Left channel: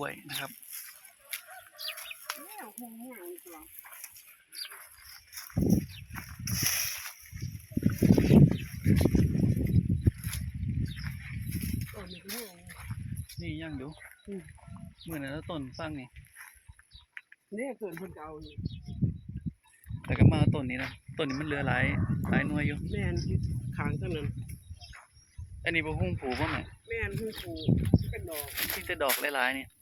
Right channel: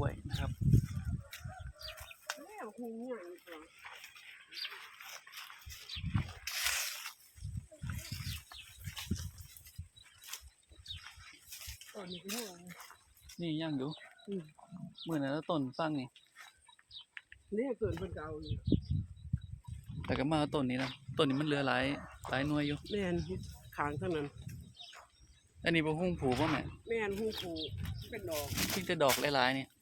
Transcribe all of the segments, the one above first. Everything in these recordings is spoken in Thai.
ล้วยนะครับแล้วหูใหญ่กว่าตอนนี้ก็หูนี่ยังอยู่อืมเมื่อนั้นต้นฟังนี่เนี่ยเกิดเพิ่นก็เอาอยู่แต่ก็มาเอาต้นนี้นะต้นนี้มันเหลือหลายหลายหน่วยอยู่แม่นที่ขางเท่านั้นอันนี้บ่หุ้งผูบ่แม่แม่นหูผูเป็นดอกเพิ่งจะดอกหลายๆนี่เออ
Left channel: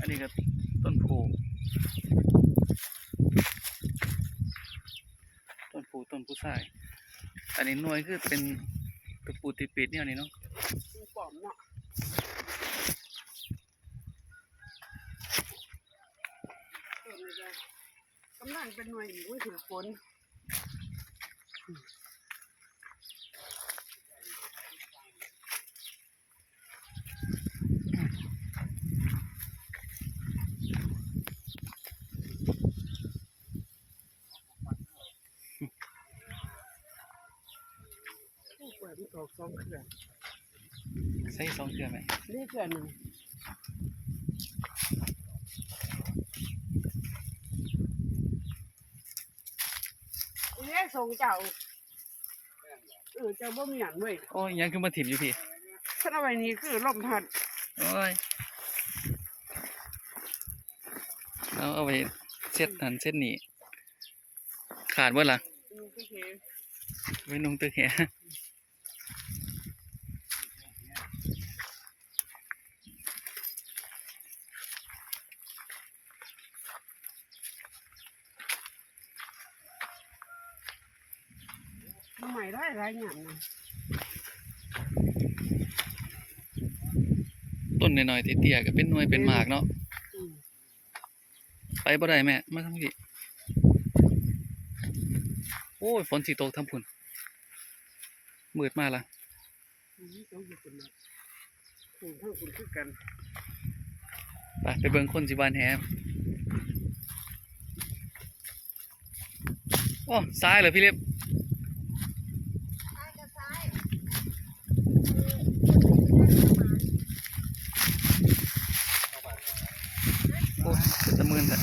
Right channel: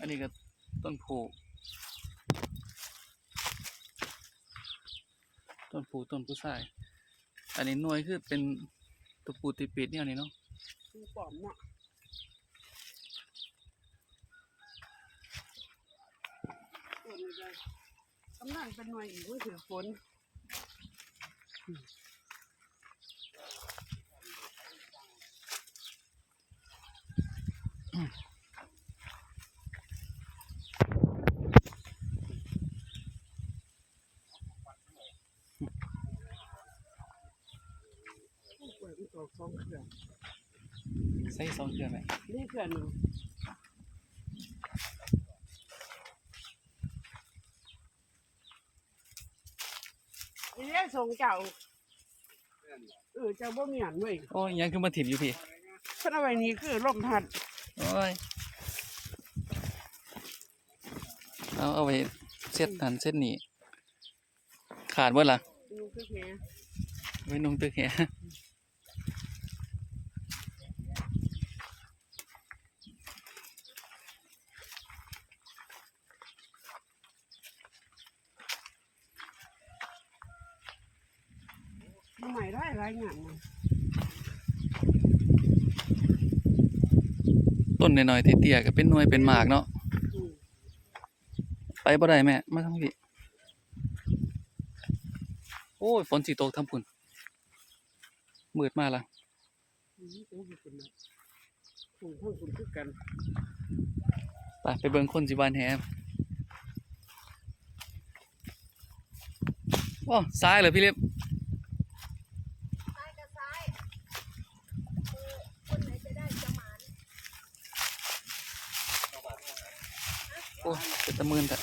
อันนี้ก็ต้นผูต้นผูต้นผู้ชาย อันนี้หน่วยคือเป็นตะปูติดปิดเนี่ยนี่เนาะหูปลอมเนาะกำลังเป็นหน่วยอีกว่าถือฝน ผู้ป่วยมันตอกสองเครื่องใส่สองเทื่อไหมนี่เครื่องหนึ่งนี่ได้ส่งเจ้าเออเจ้าบ่มีหยันเว้ยโอ้ยยังคือมาถิ่มอยู่พี่ฉันเอาไว้นี่คือลมพัดโอ้ยเอาเอาไปเช็ดหันเช็ดหนีขาดเบ่ล่ะนี่คือแค่ไว้นุ่งตึกแห ใหม่ได้หลายหยันนะต้นน้อยๆเตี้ยๆก็เป็นหน่วยเป็นหมากเนาะอืมไปบ่ได้แม่มาทางพี่โอ้ยฝนสิตกทำพุ่นมืดมาละอืมต้องอยู่คนละคุณเท่าคุณคือกันไปไปเบิ่งคนสิบานแฮมโอ้ซ้ายเหรอพี่เล็บ โอ้เป็นตะมืนแต่